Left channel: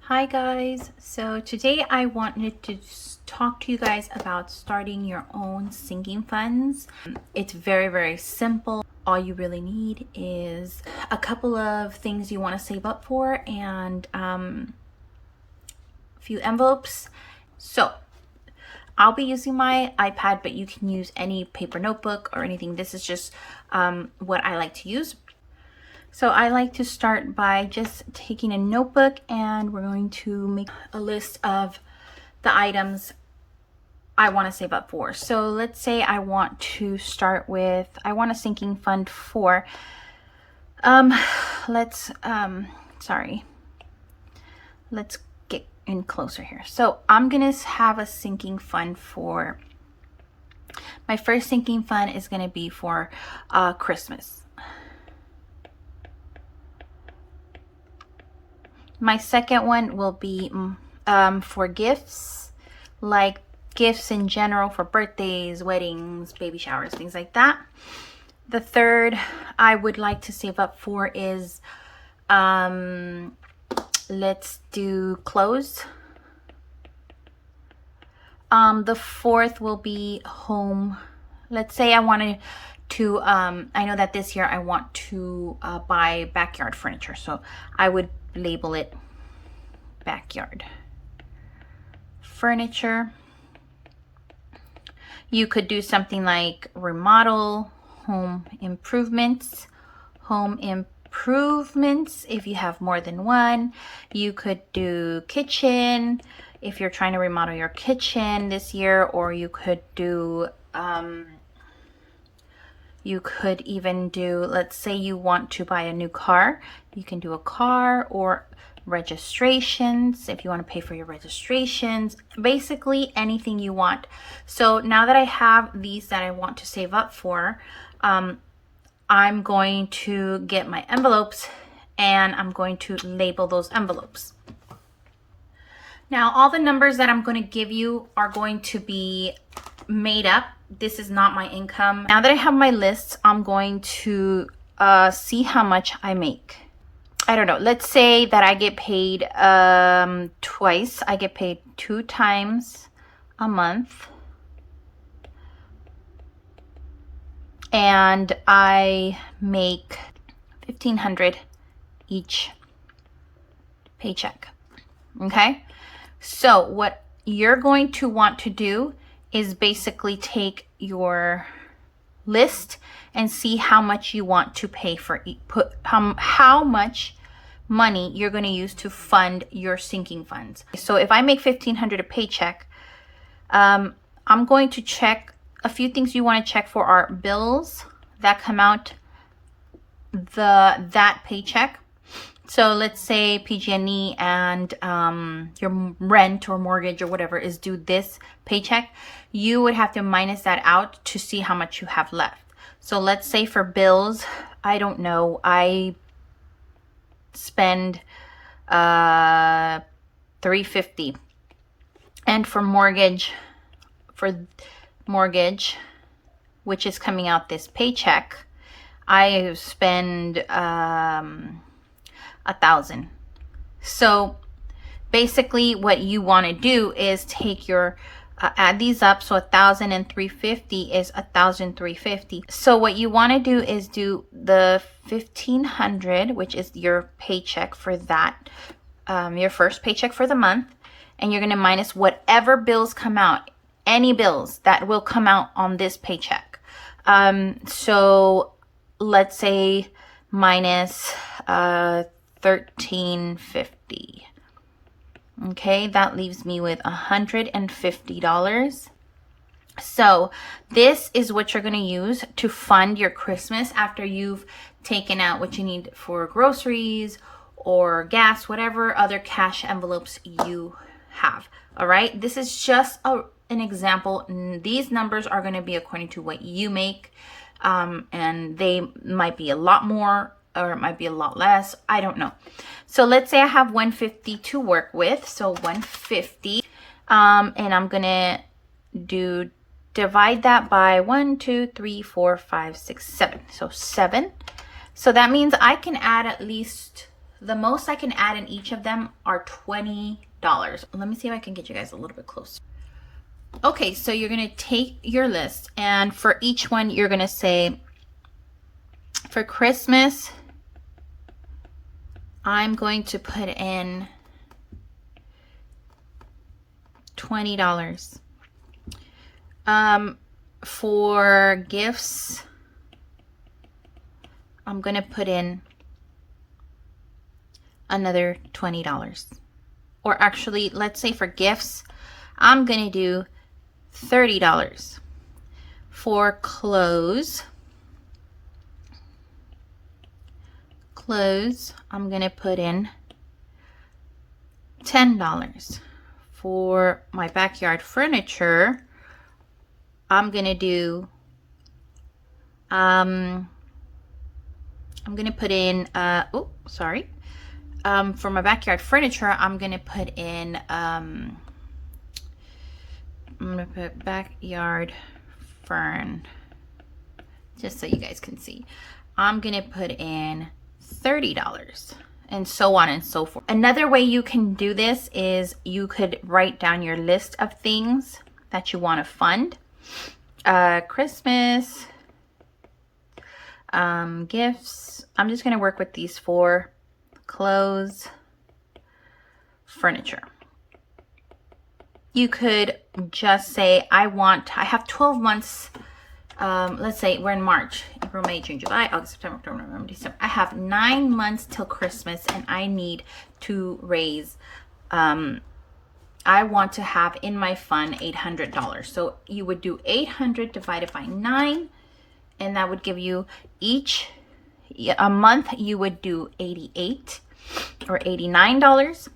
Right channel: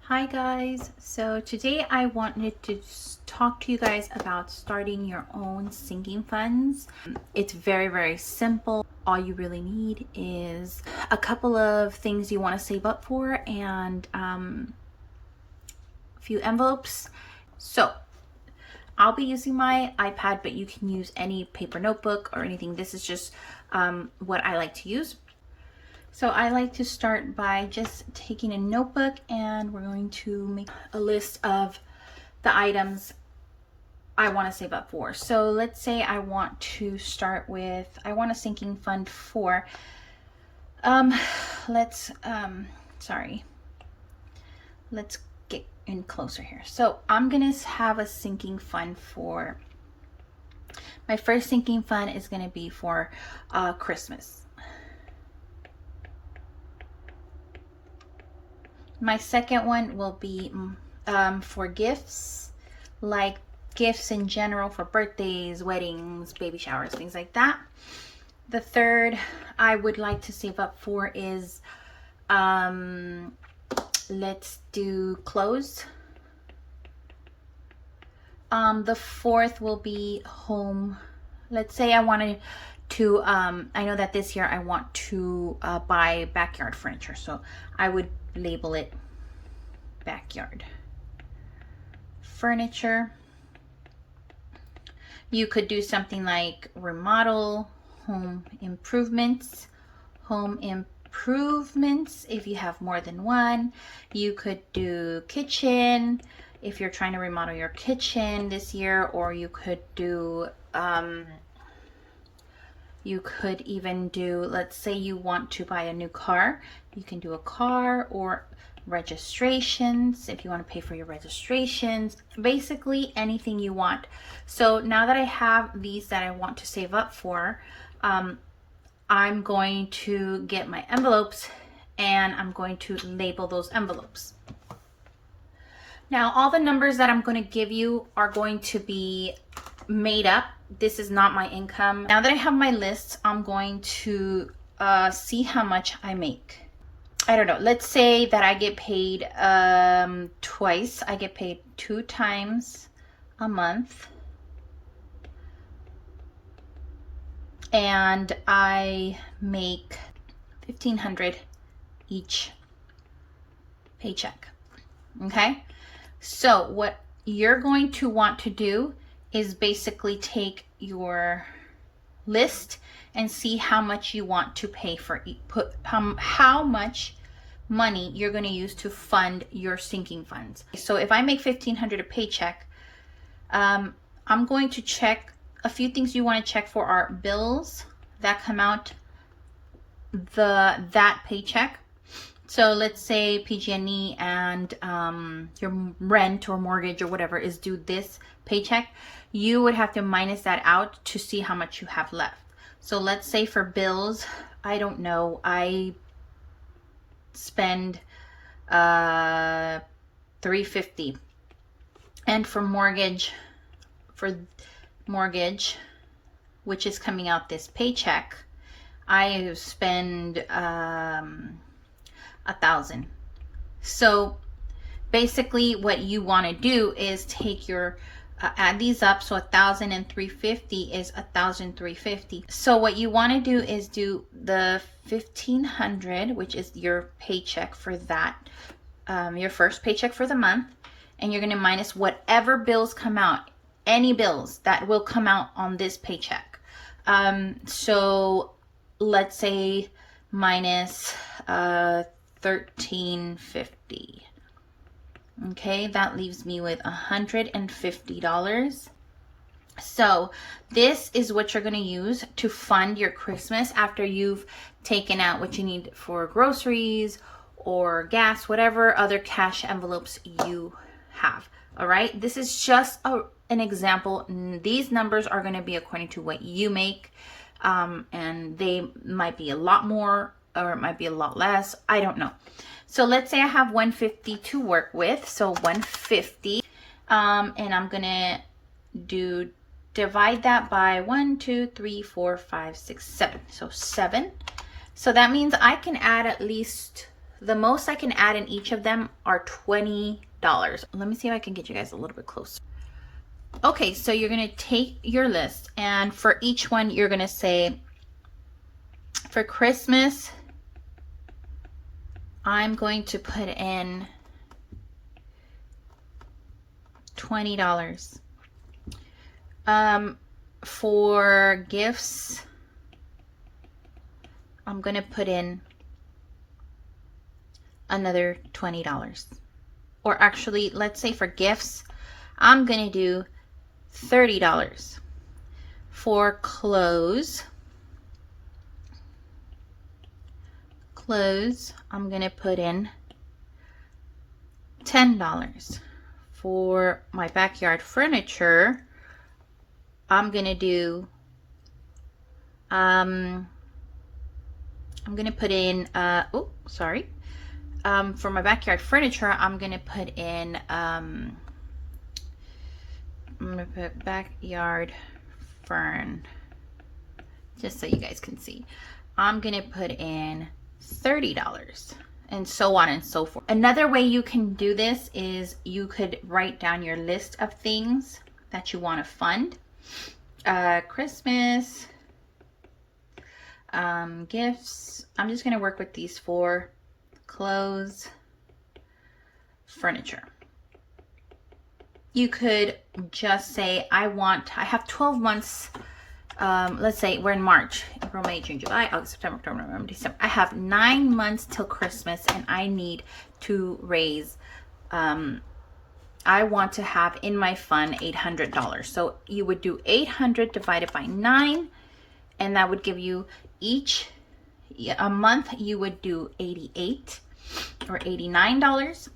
Hi guys, so today I wanted to talk to you guys about starting your own sinking funds. It's very simple. All you really need is a couple of things you want to save up for and a few envelopes. So I'll be using my iPad, but you can use any paper notebook or anything. This is just what I like to use. So I like to start by just taking a notebook and we're going to make a list of the items I want to save up for. So let's say I want to start with, I want a sinking fund for, let's get in closer here. So I'm gonna have a sinking fund for, my first sinking fund is gonna be for Christmas. My second one will be for gifts, like gifts in general for birthdays, weddings, baby showers, things like that. The third I would like to save up for is, let's do clothes. The fourth will be home. Let's say I wanted to, I know that this year I want to buy backyard furniture, so I would label it backyard furniture. You could do something like remodel, home improvements if you have more than one. You could do kitchen if you're trying to remodel your kitchen this year, or you could do you could even do, let's say you want to buy a new car, you can do a car, or registrations if you want to pay for your registrations, basically anything you want. So now that I have these that I want to save up for, I'm going to get my envelopes and I'm going to label those envelopes. Now all the numbers that I'm going to give you are going to be made up. This is not my income. Now that I have my lists, I'm going to see how much I make. I don't know, let's say that I get paid twice. I get paid 2 times a month. And I make $1,500 each paycheck. Okay? So what you're going to want to do is basically take your list and see how much you want to pay for, how much money you're going to use to fund your sinking funds. So if I make $1,500 a paycheck, I'm going to check a few things you want to check for are bills that come out that paycheck. So let's say PG&E and your rent or mortgage or whatever is due this paycheck. You would have to minus that out to see how much you have left. So let's say for bills, I don't know, I spend $350, and for mortgage, which is coming out this paycheck, I spend $1,000. So basically what you want to do is take your add these up. So 1,000 and 350 is 1,350. So what you want to do is do the 1,500, which is your paycheck for that, your first paycheck for the month, and you're going to minus whatever bills come out, any bills that will come out on this paycheck. So let's say minus $1,350. Okay, that leaves me with $150. So this is what you're going to use to fund your Christmas after you've taken out what you need for groceries or gas, whatever other cash envelopes you have. All right, this is just an example. These numbers are going to be according to what you make, and they might be a lot more or it might be a lot less. I don't know. So let's say I have $150 to work with. So $150, and I'm gonna do divide that by 1, 2, 3, 4, 5, 6, 7. So 7. So that means I can add at least, the most I can add in each of them are $20. Let me see if I can get you guys a little bit closer. Okay, so you're gonna take your list, and for each one, you're gonna say, for Christmas, I'm going to put in $20. For gifts, I'm gonna put in another $20. Or actually, let's say for gifts, I'm gonna do $30. For clothes, I'm gonna put in $10. For my backyard furniture, I'm gonna do I'm gonna put in for my backyard furniture, I'm gonna put in I'm gonna put backyard fern, just so you guys can see. I'm gonna put in $30, and so on and so forth. Another way you can do this is you could write down your list of things that you want to fund. Christmas, gifts. I'm just going to work with these 4: clothes, furniture. You could just say, I have 12 months. Let's say we're in March, April, May, June, July, August, September, October, November, December. I have 9 months till Christmas, and I need to raise, I want to have in my fund $800. So you would do 800 divided by 9, and that would give you a month you would do $88 or $89.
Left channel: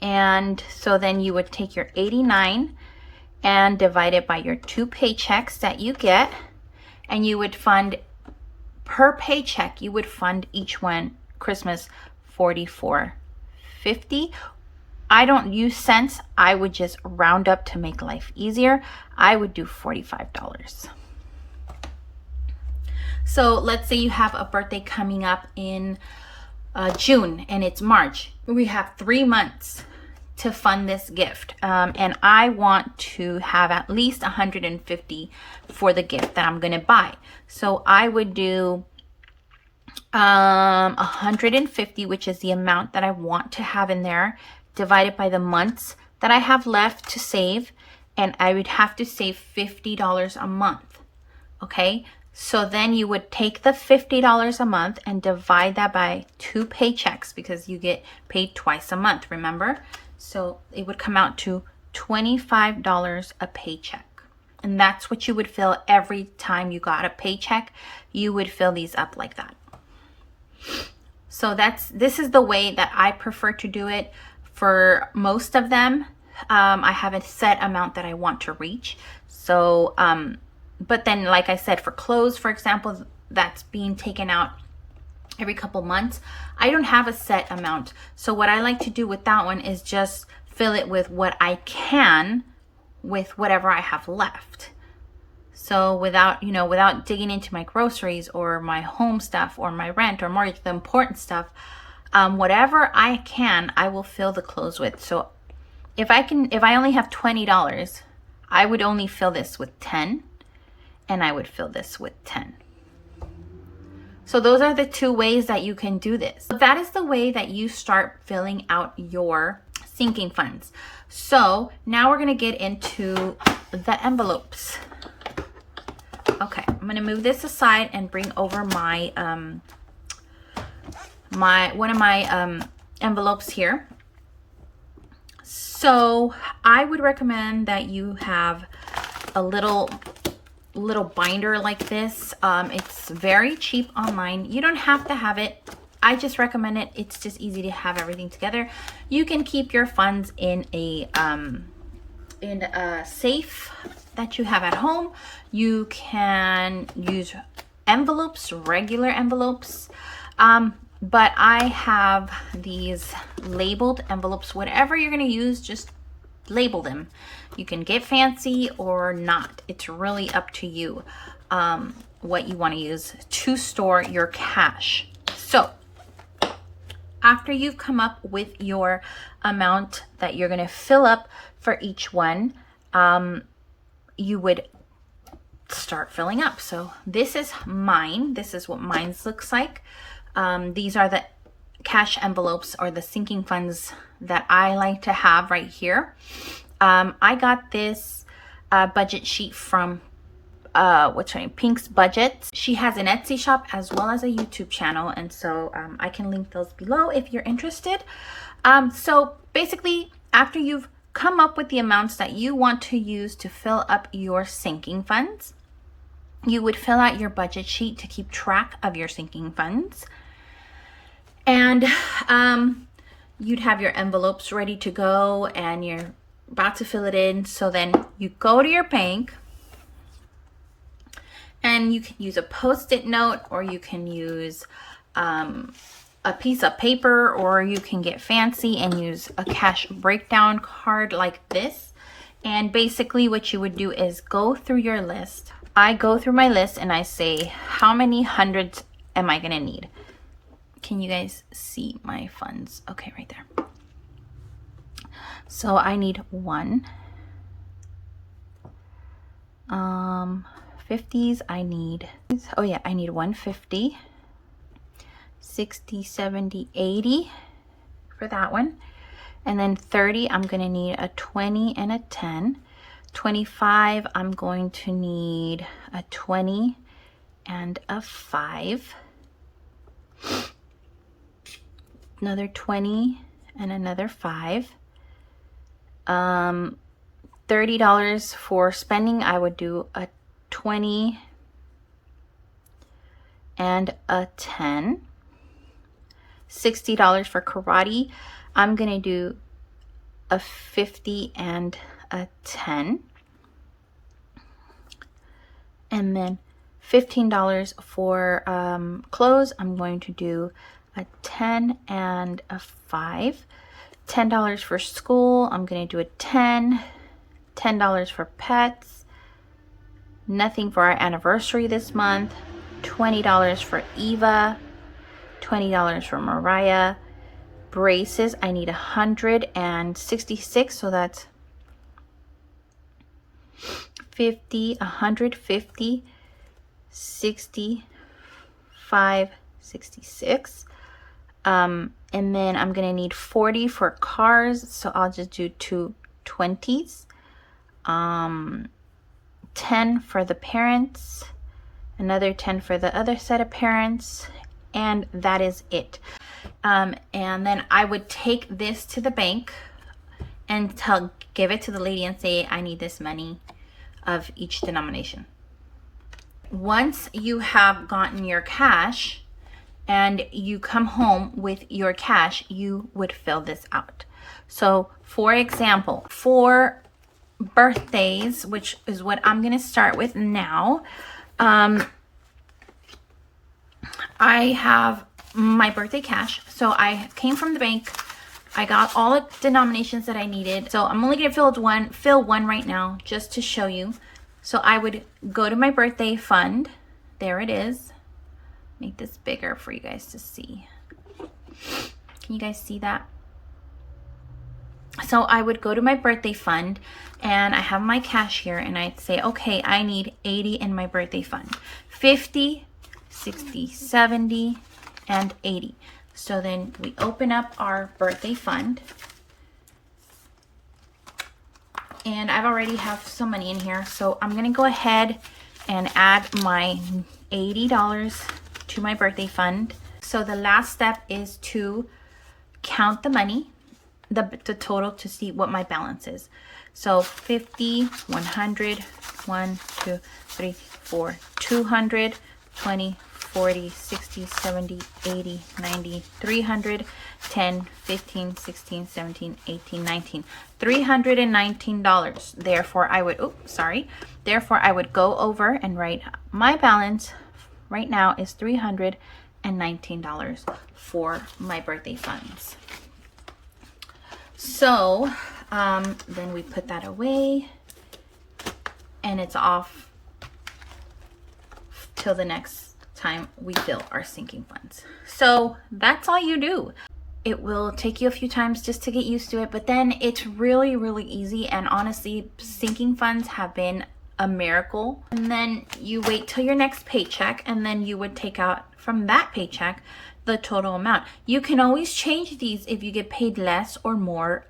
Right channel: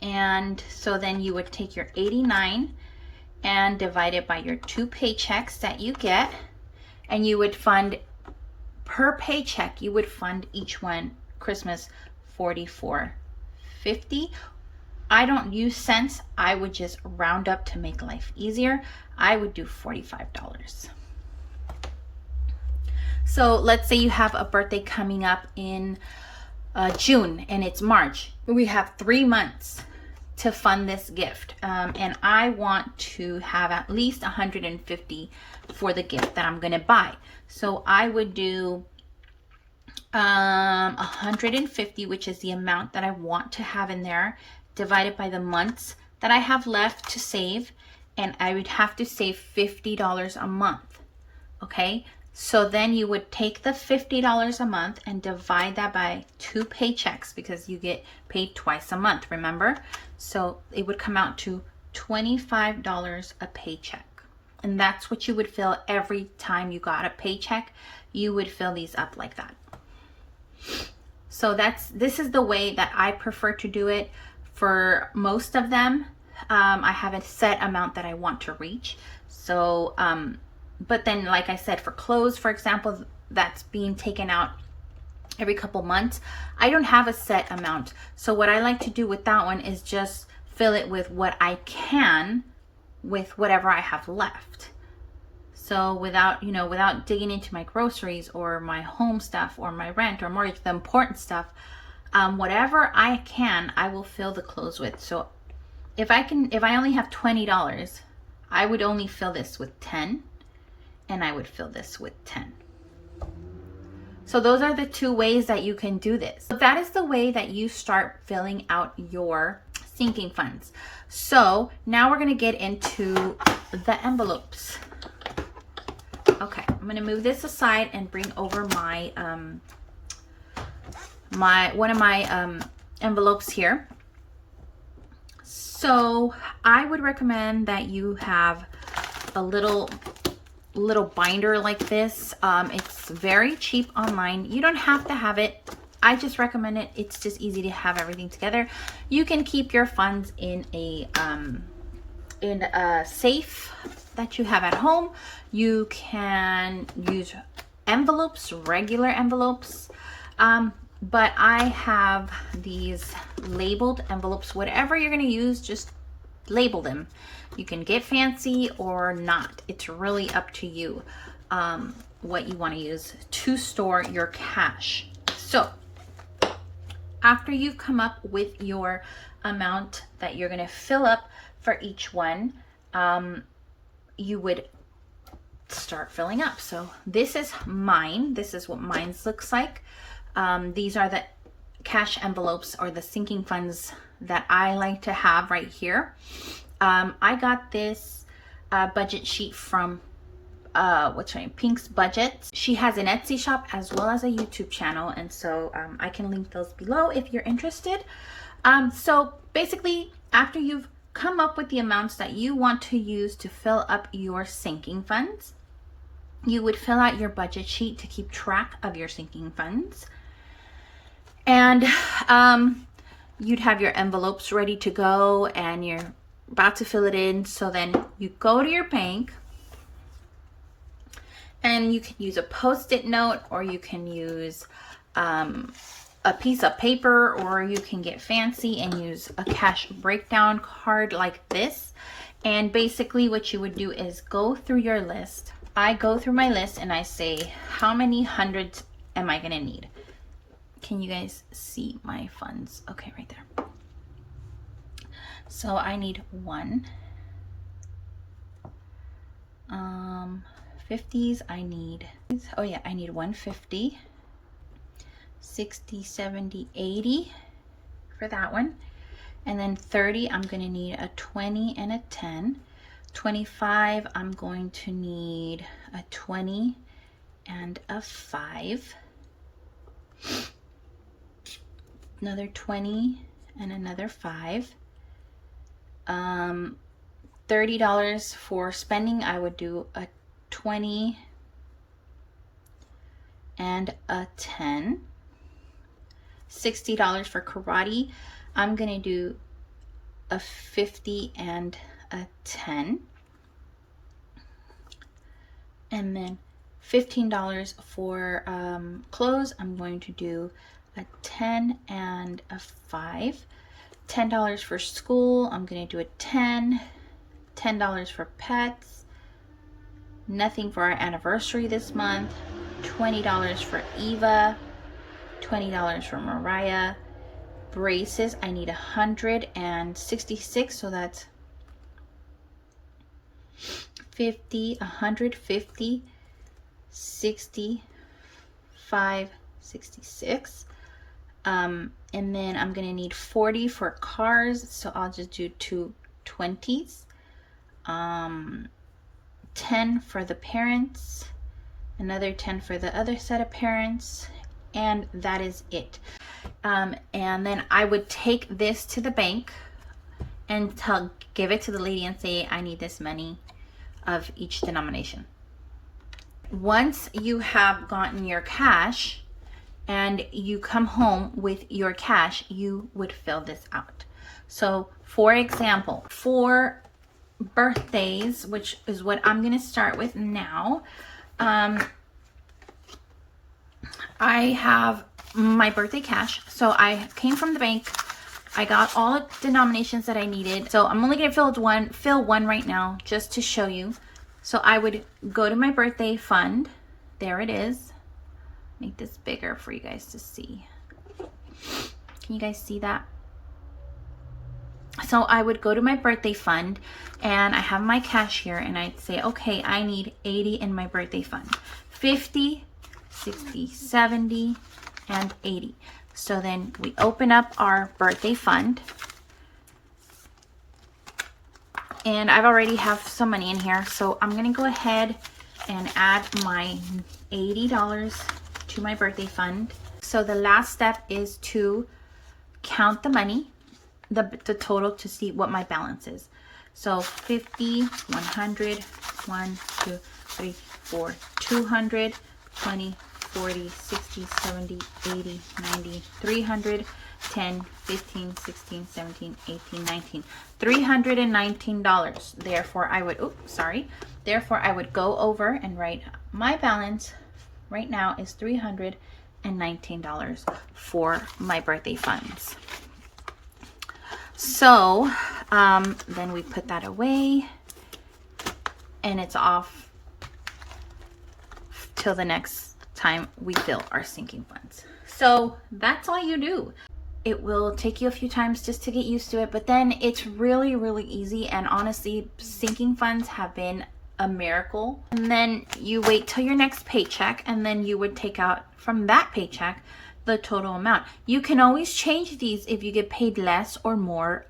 And so then you would take your 89 and divide it by your 2 paychecks that you get, and you would fund per paycheck, you would fund each one Christmas $44.50. I don't use cents. I would just round up to make life easier. I would do $45. So let's say you have a birthday coming up in June and it's March. We have 3 months to fund this gift, and I want to have at least $150 for the gift that I'm gonna buy. So I would do $150, which is the amount that I want to have in there, divided by the months that I have left to save, and I would have to save $50 a month. Okay, so then you would take the $50 a month and divide that by 2 paychecks, because you get paid twice a month, remember? So it would come out to $25 a paycheck. And that's what you would fill every time you got a paycheck. You would fill these up like that. So this is the way that I prefer to do it for most of them. I have a set amount that I want to reach. So, but then, like I said, for clothes, for example, that's being taken out every couple months. I don't have a set amount. So what I like to do with that one is just fill it with what I can with whatever I have left. So without digging into my groceries or my home stuff or my rent or mortgage, the important stuff, whatever I can, I will fill the clothes with. So if I only have $20, I would only fill this with 10, and I would fill this with 10. So those are the 2 ways that you can do this. That is the way that you start filling out your sinking funds. So now we're gonna get into the envelopes. Okay, I'm gonna move this aside and bring over my one of my envelopes here. So I would recommend that you have a little binder like this. It's very cheap online. You don't have to have it. I just recommend it. It's just easy to have everything together. You can keep your funds in a safe that you have at home. You can use envelopes, regular envelopes, but I have these labeled envelopes. Whatever you're going to use, just label them. You can get fancy or not. It's really up to you what you want to use to store your cash. So after you've come up with your amount that you're going to fill up for each one, you would start filling up. So this is mine. This is what mine looks like. These are the cash envelopes or the sinking funds that I like to have right here. I got this budget sheet from what's her name, Pink's Budget. She has an Etsy shop as well as a YouTube channel, and so I can link those below if you're interested. So basically, after you've come up with the amounts that you want to use to fill up your sinking funds, you would fill out your budget sheet to keep track of your sinking funds. And you'd have your envelopes ready to go and you're about to fill it in. So then you go to your bank and you can use a Post-it note, or you can use a piece of paper, or you can get fancy and use a cash breakdown card like this. And basically what you would do is go through your list. I go through my list and I say, how many hundreds am I gonna need? Can you guys see my funds? Okay, right there. So I need 50s. I need, oh yeah, I need 150, 60, 70, 80 for that one. And then 30, I'm gonna need a 20 and a 10. 25, I'm going to need a 20 and a 5. Another 20 and another 5. $30 for spending, I would do a 20 and a 10. $60 for karate, I'm gonna do a 50 and a 10. And then $15 for clothes, I'm going to do a 10 and a 5. $10 for school, I'm going to do a 10. $10 for pets. Nothing for our anniversary this month. $20 for Eva. $20 for Mariah. Braces, I need 166, so that's 50, 150, 65, 66. And then I'm gonna need 40 for cars, so I'll just do 2 20s. 10 for the parents, another 10 for the other set of parents, and that is it. And then I would take this to the bank and give it to the lady and say, I need this money of each denomination. Once you have gotten your cash and you come home with your cash, you would fill this out. So for example, for birthdays, which is what I'm going to start with now, I have my birthday cash. So I came from the bank. I got all the denominations that I needed. So I'm only going to fill one right now just to show you. So I would go to my birthday fund. There it is. Make this bigger for you guys to see. Can you guys see that? So I would go to my birthday fund and I have my cash here and I'd say, okay, I need 80 in my birthday fund. 50, 60, 70, and 80. So then we open up our birthday fund. And I've already have some money in here. So I'm gonna go ahead and add my $80 to my birthday fund. So the last step is to count the money, the total, to see what my balance is. So 50, 100, 1, 2, 3, 4, 200, 20, 40, 60, 70, 80, 90, 300, 10, 15, 16, 17, 18, 19, $319. Therefore, Therefore, I would go over and write my balance right now is $319 for my birthday funds. So Then we put that away and it's off till the next time we fill our sinking funds. So that's all you do. It will take you a few times just to get used to it, but then it's really, really easy. And honestly, sinking funds have been a miracle. And then you wait till your next paycheck, and then you would take out from that paycheck the total amount. You can always change these if you get paid less or more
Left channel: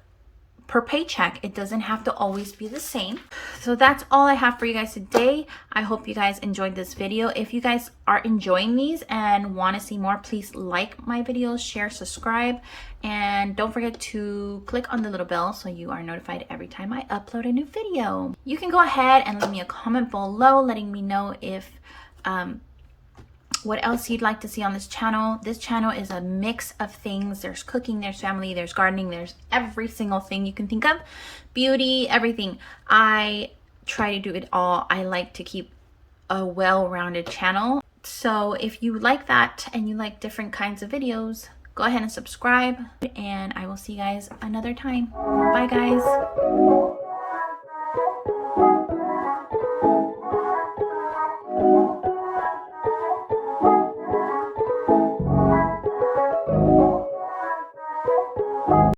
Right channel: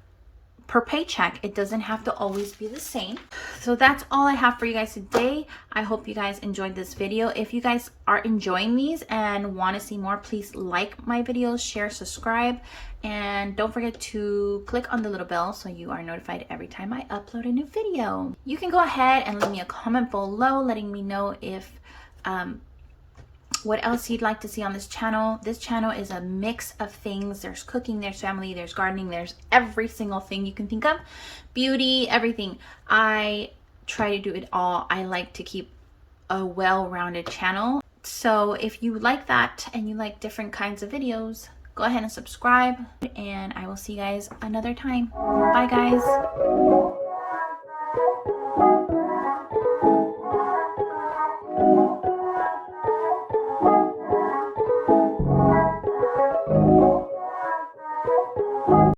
per paycheck. It doesn't have to always be the same. So that's all I have for you guys today. I hope you guys enjoyed this video. If you guys are enjoying these and want to see more, please like my videos, share, subscribe, and don't forget to click on the little bell so you are notified every time I upload a new video. You can go ahead and leave me a comment below letting me know if what else you'd like to see on this channel. This channel is a mix of things. There's cooking, there's family, there's gardening, there's every single thing you can think of. Beauty, everything. I try to do it all. I like to keep a well-rounded channel. So if you like that and you like different kinds of videos, go ahead and subscribe, and I will see you guys another time. Bye guys.